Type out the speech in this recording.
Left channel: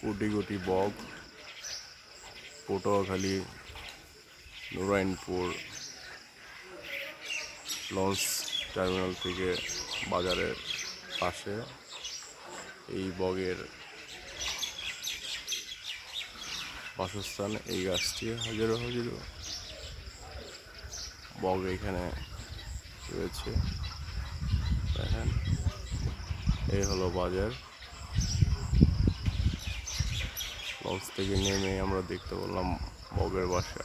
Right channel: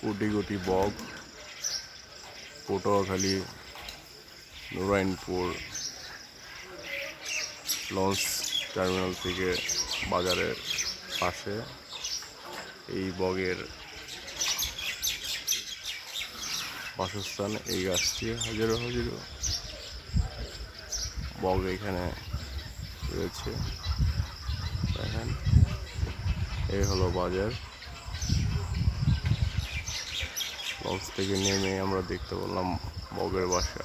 কোটি কোটি বক Patuakhali Narayanpur launch terminal থেকে বাজারের পাশে এই বগের বাসস্থান। এই গাছটি হাজারো হাজারো বগ এখানে রয়েছে। দেখেন, এই হলো বাজার। লঞ্চ থেকে নেমে আমরা দেখতে পেলাম বগের বাসা।